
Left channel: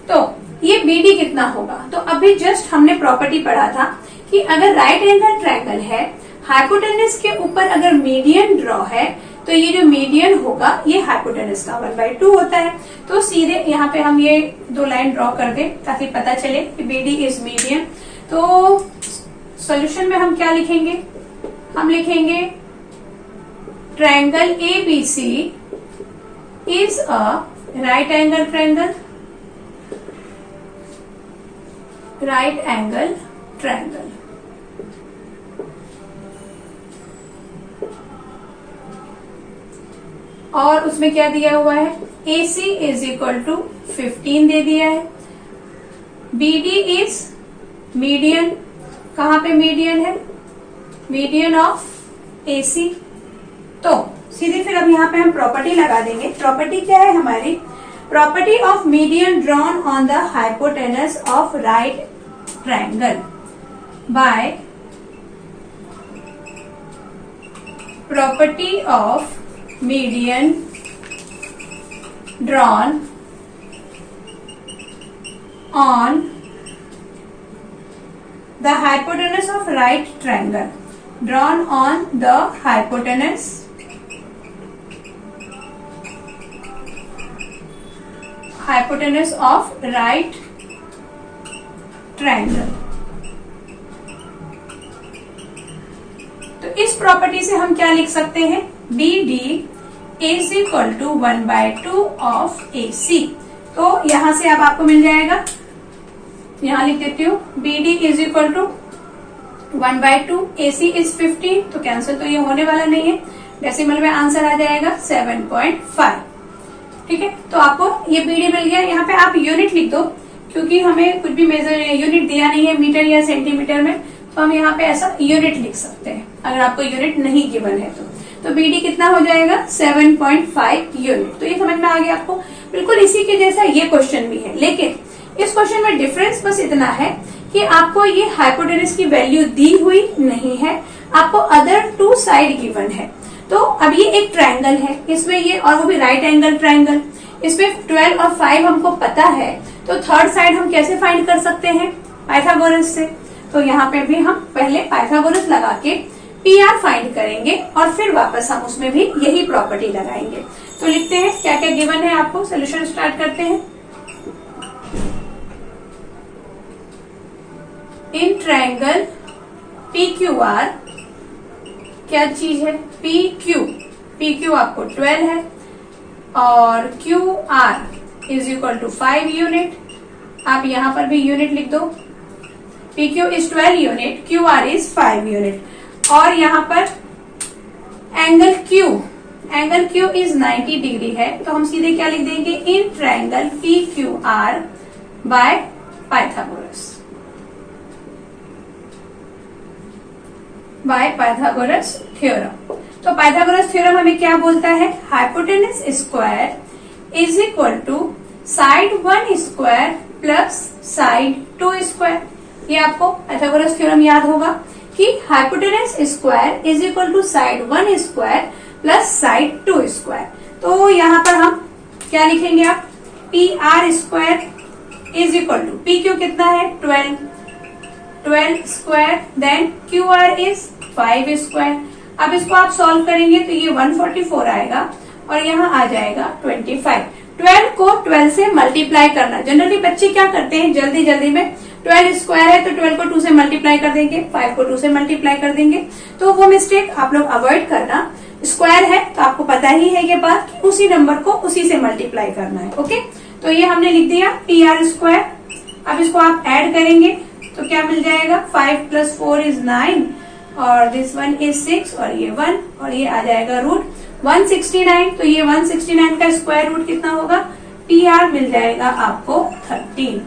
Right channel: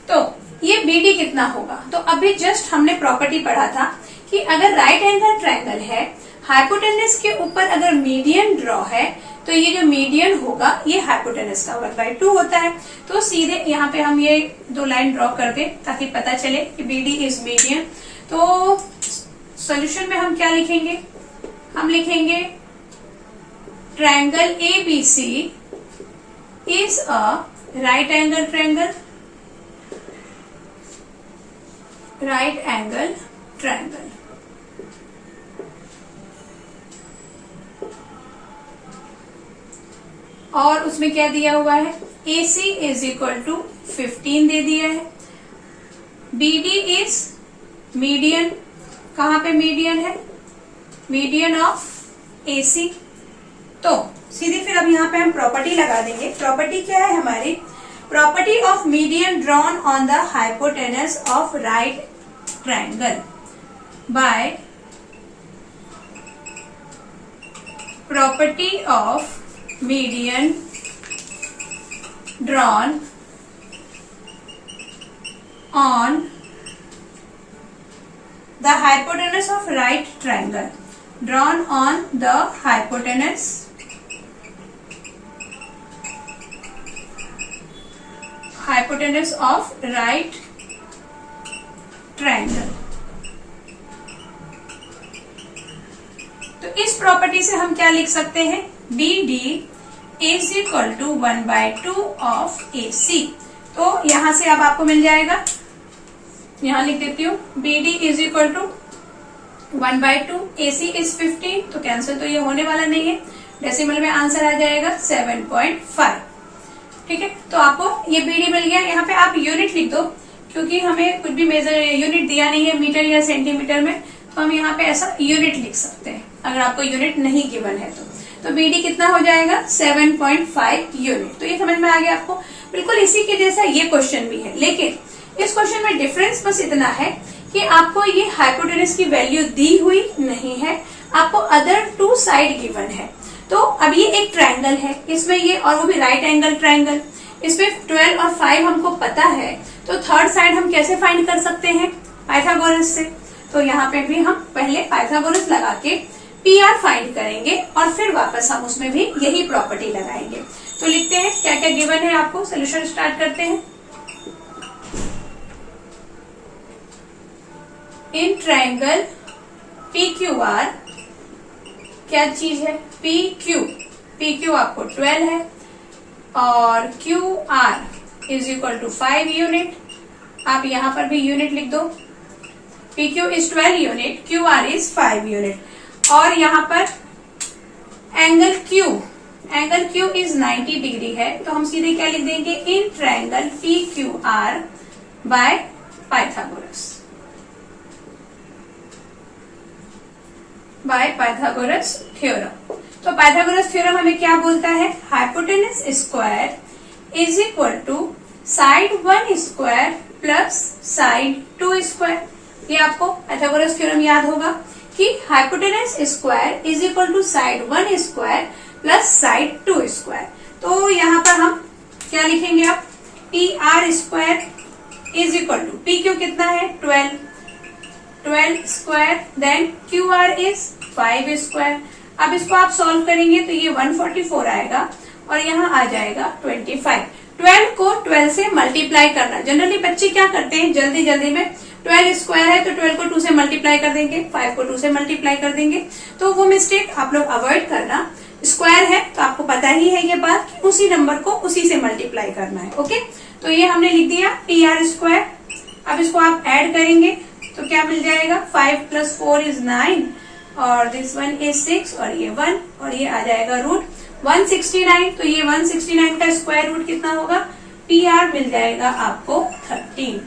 तो ये BD कितना होगा, तो अभी जस्ट हमने प्रॉपर्टी पढ़ा था कि अगर राइट एंगल ट्रायंगल है, हाइपोटेनस के ऊपर अगर मीडियन ड्रॉ है, तो ये जो मीडियन होगा ये हाइपोटेनस का 1/2 होता है। तो सीधे यहाँ पे हम ये 2 लाइन ड्रॉ कर दें ताकि पता चले कि BD इज मीडियन। तो सॉल्यूशन में हम क्या लिखेंगे, हम लिखेंगे triangle ABC is a right angle triangle, right angle triangle. और उसमें क्या दिया हुआ है, AC इज इक्वल टू 15 दे दिया है, BD इज मीडियन, कहां पे मीडियन है, मीडियन ऑफ AC। तो सीधे फिर अब यहाँ पे हम प्रॉपर्टी लगा देंगे। प्रॉपर्टी क्या है हमारी, property of median drawn on the hypotenuse of right triangle by property of median drawn on the hypotenuse of right triangle, drawn on the hypotenuse of right triangle। तो इस प्रॉपर्टी से हम क्या लिख सकते हैं, BD is equal to 1/2 of AC। तो यहां से अब आपको मिल जाएगा, यहां लिख देती हूँ, BD is equal to 1/2, AC is 50, तो कैंसिल तो ये होने वाला नहीं है, डेसिमल में आंसर आ जाएगा 7.5। ठीक है, तो आपको ये BD मिल गया। यहाँ पे आप यूनिट लिख दो, क्योंकि हमें कुछ भी मेजर यूनिट दिया नहीं है मीटर या सेंटीमीटर में, तो हम यहाँ पे ऐसा यूनिट लिख सकते हैं अगर आपको यूनिट नहीं गिवन है तो BD कितना हो जाएगा 7.5 यूनिट। तो ये समझ में आ गया आपको। बिल्कुल इसी के जैसा ये क्वेश्चन भी है, लेकिन इस क्वेश्चन में डिफरेंस बस इतना है कि आपको ये हाइपोटेनस की वैल्यू दी हुई नहीं है, आपको अदर 2 साइड गिवन है। तो अब ये एक ट्रायंगल है, इसमें ये, और वो भी राइट एंगल ट्रायंगल, इसमें 12 और 5 हमको पता है, तो थर्ड साइड हम कैसे फाइंड कर सकते हैं, पाइथागोरस से। तो यहाँ पे भी हम पहले पाइथागोरस लगा के PR फाइंड करेंगे और फिर वापस हम उसमें भी यही प्रॉपर्टी लगाएंगे। तो लिखते हैं क्या क्या गिवन है आपको, सोल्यूशन स्टार्ट करते हैं। इन ट्रायंगल PQR, क्या चीज है, PQ आपको 12 है और QR is equal to 5 unit. आप यहां पर भी यूनिट लिख दो, PQ is 12 unit, QR is 5 unit. और यहां पर एंगल Q इज 90 डिग्री है, तो हम सीधे क्या लिख देंगे, in triangle PQR by Pythagoras theorem. तो पाइथागोरस थ्योरम हमें क्या बोलता है, hypotenuse square is equal to side 1 square plus side 2 square. ये आपको पाइथागोरस थ्योरम याद होगा कि hypotenuse square is equal to side 1 square plus side 2 square. तो यहाँ पर हम क्या लिखेंगे, आप PR square is equal to, PQ कितना है 12 square, then QR is 5 square. अब इसको आप सॉल्व करेंगे तो ये 144 आएगा और यहाँ आ जाएगा 25। 12 को 12 से मल्टीप्लाई करना, जनरली बच्चे क्या करते हैं जल्दी में, 12 स्क्वायर है तो 12 को 2 से मल्टीप्लाई कर देंगे, 5 को 2 से मल्टीप्लाई कर देंगे। तो वो मिस्टेक आप लोग अवॉइड करना। स्क्वायर है तो आपको पता ही है ये बात कि उसी नंबर को उसी से मल्टीप्लाई करना है। ओके, तो ये हमने लिख दिया PR स्क्वायर। अब इसको आप ऐड करेंगे तो क्या मिल जाएगा, 5 + 4 इज 9 और दिस 1 इज 6 और ये 1 और ये आ जाएगा रूट 169। तो ये 169 का स्क्वायर रूट कितना होगा, PR मिल जाएगा आपको 13।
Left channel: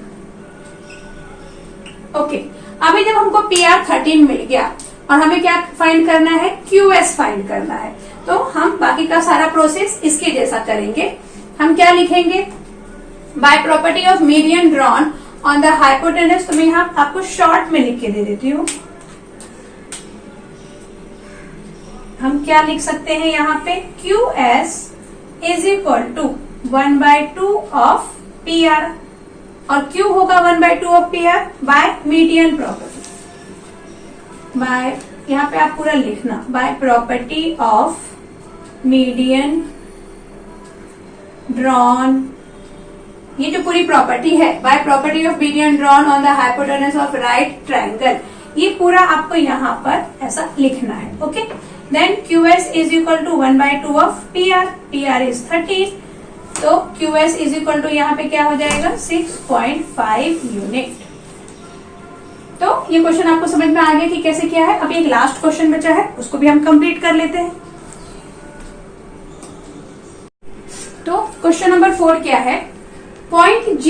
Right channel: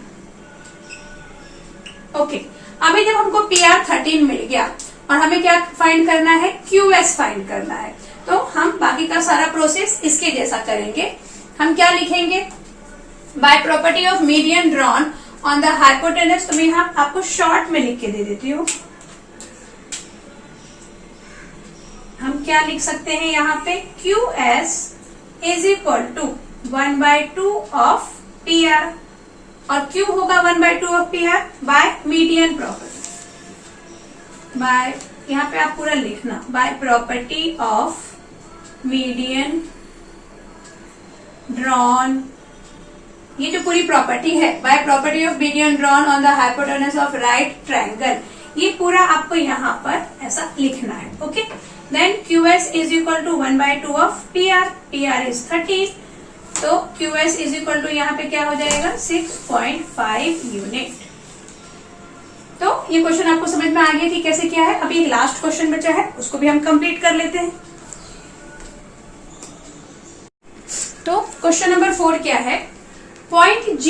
ओके, अभी जब हमको PR 13 मिल गया और हमें क्या फाइंड करना है, QS फाइंड करना है, तो हम बाकी का सारा प्रोसेस इसके जैसा करेंगे। हम क्या लिखेंगे, by property of median drawn on the hypotenuse. तो मैं यहाँ आपको शॉर्ट में लिख के दे देती हूँ। हम क्या लिख सकते हैं यहाँ पे, QS is equal to 1/2 of PR और Q होगा 1/2 of PR by median property. By, यहाँ पे आप पूरा लिखना, by property of median drawn, ये जो पूरी प्रॉपर्टी है, by property of median drawn on the hypotenuse of right triangle, ये पूरा आपको यहाँ पर ऐसा लिखना है। Okay, then QS is equal to 1/2 of PR is 30, तो QS इज इक्वल टू यहाँ पे क्या हो जाएगा 6.5 यूनिट। तो ये क्वेश्चन आपको समझ में आ गया कि कैसे किया है। अभी एक लास्ट क्वेश्चन बचा है, उसको भी हम कंप्लीट कर लेते हैं। तो क्वेश्चन नंबर 4 क्या है, पॉइंट G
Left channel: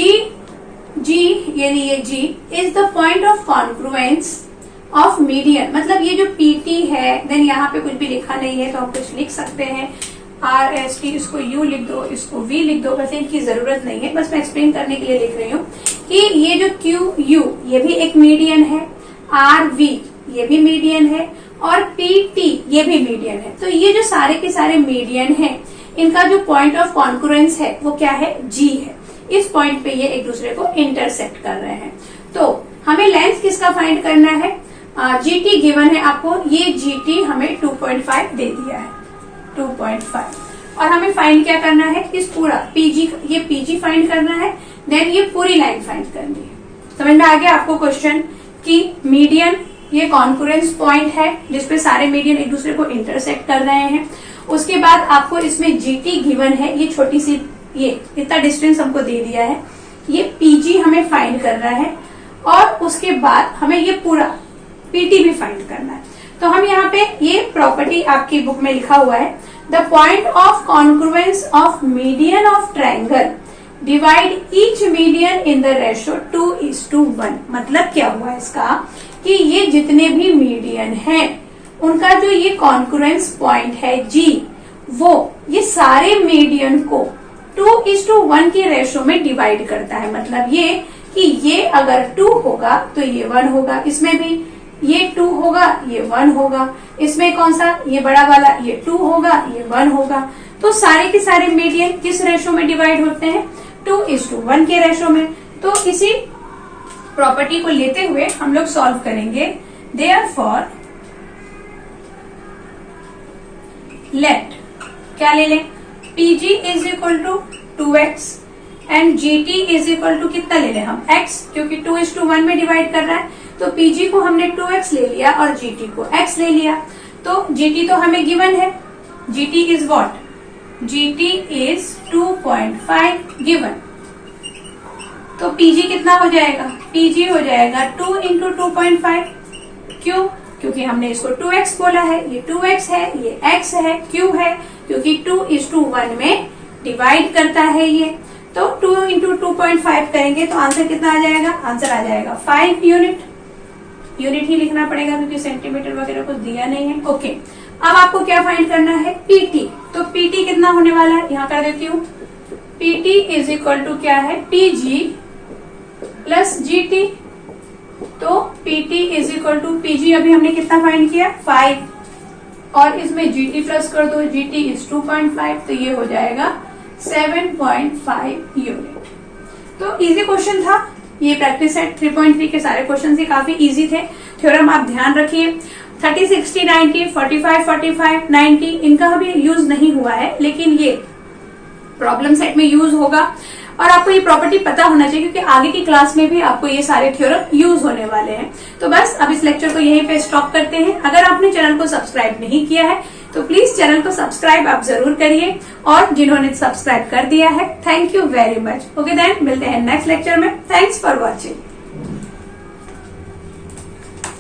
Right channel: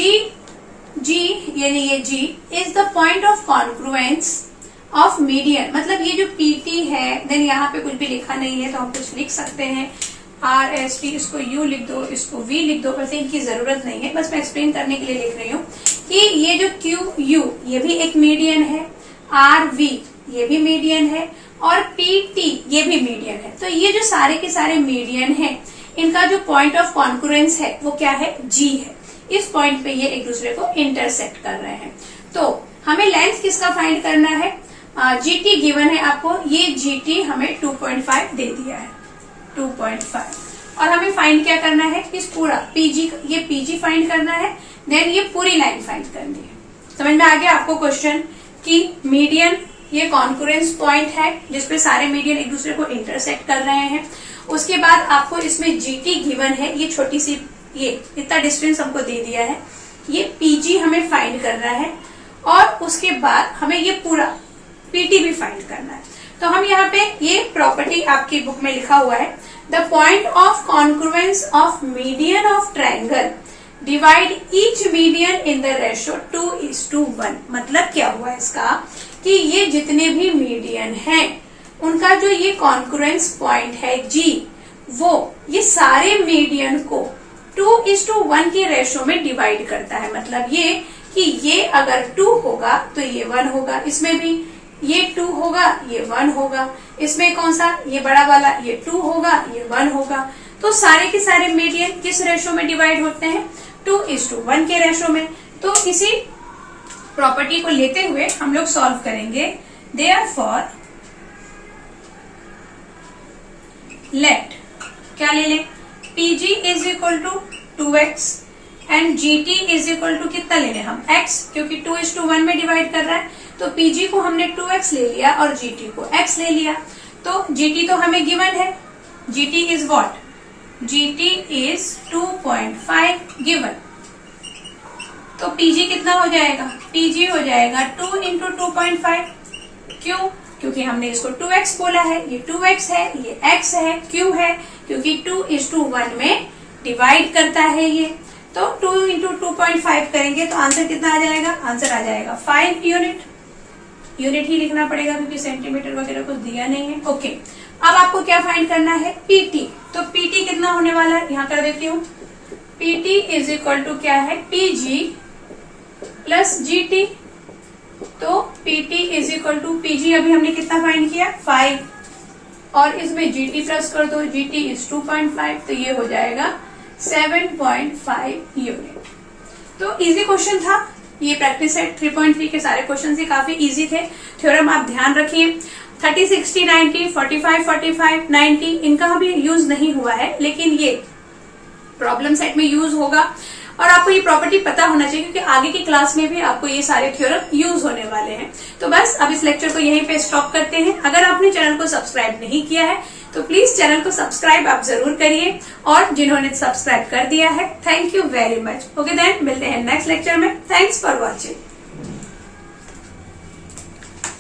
यानी ये G is the point of congruence of median. मतलब ये जो PT है, देन यहाँ पे कुछ भी लिखा नहीं है तो हम कुछ लिख सकते हैं, RST, इसको U लिख दो, इसको V लिख दो, वैसे इनकी जरूरत नहीं है, बस मैं एक्सप्लेन करने के लिए लिख रही हूँ कि ये जो QU ये भी एक मीडियन है, RV ये भी मीडियन है और PT ये भी मीडियन है। तो ये जो सारे के सारे मीडियन है, इनका जो पॉइंट ऑफ कॉन्ग्रुएंस है वो क्या है, G है। इस पॉइंट पे ये एक दूसरे को इंटरसेक्ट कर रहे हैं। तो हमें लेंथ किसका फाइंड करना है, GT गिवन है आपको, ये GT हमें 2.5 दे दिया है, 2.5, और हमें फाइंड क्या करना है, इस पूरा PG, ये PG फाइंड करना है, देन ये पूरी लाइन फाइंड करनी है। समझ में आ गया आपको क्वेश्चन कि मीडियन ये कॉन्करेंस पॉइंट है जिसपे सारे मीडियन एक दूसरे को इंटरसेक्ट कर रहे हैं। उसके बाद आपको इसमें GT गिवन है, ये छोटी सी, ये इतना डिस्टेंस हमको दे दिया है, ये PG हमें फाइंड करना है, और उसके बाद हमें ये पूरा PT भी फाइंड करना है। तो हम यहाँ पे ये प्रॉपर्टी आपकी बुक में लिखा हुआ है, the point of concurrence of median of triangle divide each median in the ratio 2:1। मतलब क्या हुआ इसका कि ये जितने भी मीडियन हैं उनका जो ये कॉन्क्रुएंस पॉइंट है G, वो ये सारे मीडियन को 2:1 के रेशियो में डिवाइड करता है। मतलब ये कि ये अगर 2 होगा तो ये 1 होगा, इसमें भी ये 2 होगा, ये 1 होगा, इसमें कौन सा, ये बड़ा वाला, ये 2 होगा, ये 1 होगा। तो सारे के सारे मीडियन किस रेशियो में डिवाइड होते हैं, 2:1 के रेशियो में। तो इसी प्रॉपर्टी को लेते हुए हम लोग सॉल्व करेंगे। देयरफॉर लेट, क्या ले लें, PG is equal to 2x and GT is equal to कितना ले लें हम, x, क्योंकि 2:1 में डिवाइड कर रहा है। तो PG को हमने 2x ले लिया और GT को x ले लिया। तो GT तो हमें गिवन है, GT is what, GT is 2.5 given. तो PG कितना हो जाएगा, PG हो जाएगा 2 इंटू 2.5। क्यों, क्योंकि हमने इसको 2x बोला है, ये 2x है, ये x है, क्यों है, क्योंकि 2:1 में डिवाइड करता है ये। तो 2 इंटू 2.5 करेंगे तो आंसर कितना आ जाएगा, आंसर आ जाएगा 5 यूनिट। यूनिट ही लिखना पड़ेगा क्योंकि सेंटीमीटर वगैरह कुछ दिया नहीं है। ओके, अब आपको क्या फाइंड करना है, PT। तो PT कितना होने वाला है, यहाँ कर देती हूँ, PT इज इक्वल टू क्या है, PG प्लस GT। तो PT is equal to PG अभी हमने कितना फाइंड किया, 5, और इसमें GT प्लस कर दो, GT इज 2.5, तो ये हो जाएगा 7.5 यूनिट। तो इजी क्वेश्चन था ये, प्रैक्टिस सेट 3.3 के सारे क्वेश्चन ही काफी इजी थे। थ्योरम आप ध्यान रखिए, 30, 60, 90, 45, 45, 90 इनका अभी यूज नहीं हुआ है, लेकिन ये प्रॉब्लम सेट में यूज होगा। और आपको ये प्रॉपर्टी पता होना चाहिए क्योंकि आगे की क्लास में भी आपको ये सारे थ्योरम यूज होने वाले हैं। तो बस अब इस लेक्चर को यहीं पे स्टॉप करते हैं। अगर आपने चैनल को सब्सक्राइब नहीं किया है तो प्लीज चैनल को सब्सक्राइब आप जरूर करिए, और जिन्होंने सब्सक्राइब कर दिया है thank you very much. Okay then, मिलते हैं नेक्स्ट लेक्चर में। Thanks for watching.